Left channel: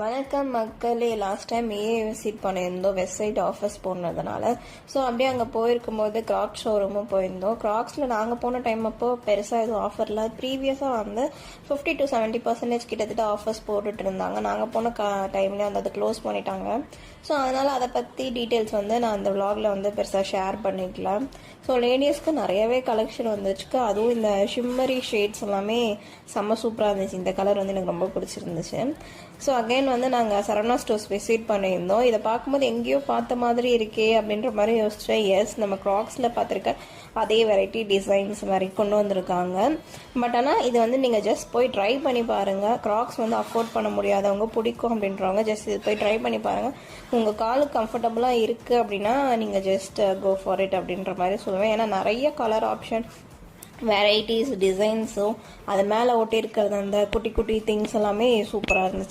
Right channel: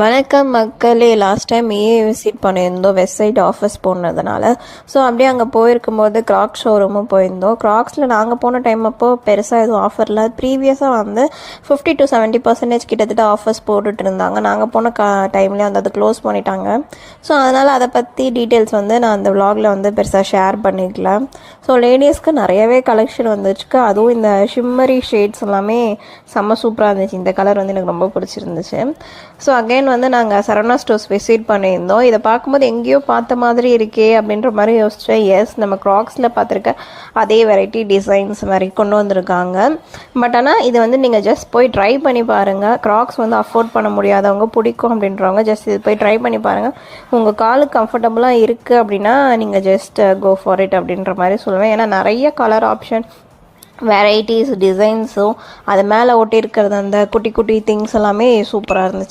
வணக்கம் மக்களே. Last time visit பண்ணியிருந்தோம் வெஸ்ட் சைட் ஆஃபீஸ் போனதுனால. ஸோ அப்படியே அங்கே போயிருக்கும்போது கிராக்ஸ் ஷோரூமும் போயிருந்தோம். கிராக்ஸில் நாங்கள் போன டைம் அப்போ பெருசாக எதுவும் ஆஃபரில் ப்ரீவியஸாக வந்து 50-70% கிட்டத்தட்ட ஆஃபர்ஸ் போட்டுட்டு இருந்தாங்க. நாங்கள் போன டைம்லேயே வந்து அது க்ளோஸ் பண்ணிட்டாங்க. ஸோ அதனால் அதை பற்றி டீட்டெயில்ஸ் வந்து நான் அந்த விலாகில் வந்து பெருசாக ஷேர் பண்ணிக்கலாம். ஸோ லேடிஸ்க்கு நிறையவே கலெக்ஷன் வந்துச்சுக்கு. அதுவும் இந்த ஷிம்மரி ஷேட்ஸ் எல்லாமே செம்ம சூப்பராக இருந்துச்சு. இந்த கலர் வந்து எனக்கு ரொம்ப பிடிச்சிருந்துச்சு. ஸோ அகைன் வந்து நாங்கள் சரவணா ஸ்டோர்ஸ் விசிட் பண்ணியிருந்தோம். இதை பார்க்கும்போது எங்கேயோ பார்த்த மாதிரி இருக்கே அப்படின்ற மாதிரி யோசித்தேன். எஸ், நம்ம க்ராக்ஸில் பார்த்துருக்க அதே வெரைட்டி டிசைன்ஸ் மாதிரி கொண்டு வந்திருக்காங்க. பட் ஆனால் இது வந்து நீங்கள் ஜஸ்ட் போய் ட்ரை பண்ணி பாருங்கள். க்ராக்ஸ் வந்து அஃபோர்ட் பண்ண முடியாதவங்க, பிடிக்கும் அப்படின்றவங்க ஜஸ்ட் இது போய் ட்ரை பண்ணி பாருங்கள். உங்கள் காலுக்கு கம்ஃபர்டபுளாக இருக்குது அப்படின்னா நீங்கள் ஜஸ்ட் கோ ஃபார் இட் அப்படின்ற மாதிரி சொல்லுவேன். ஏன்னா நிறைய கலர் ஆப்ஷன், வெரைட்டிஸ், டிசைன்ஸும் அது மேலே ஒட்டி இருக்கிறது அந்த குட்டி குட்டி திங்ஸ் எல்லாமே சூப்பராக இருந்துச்சு.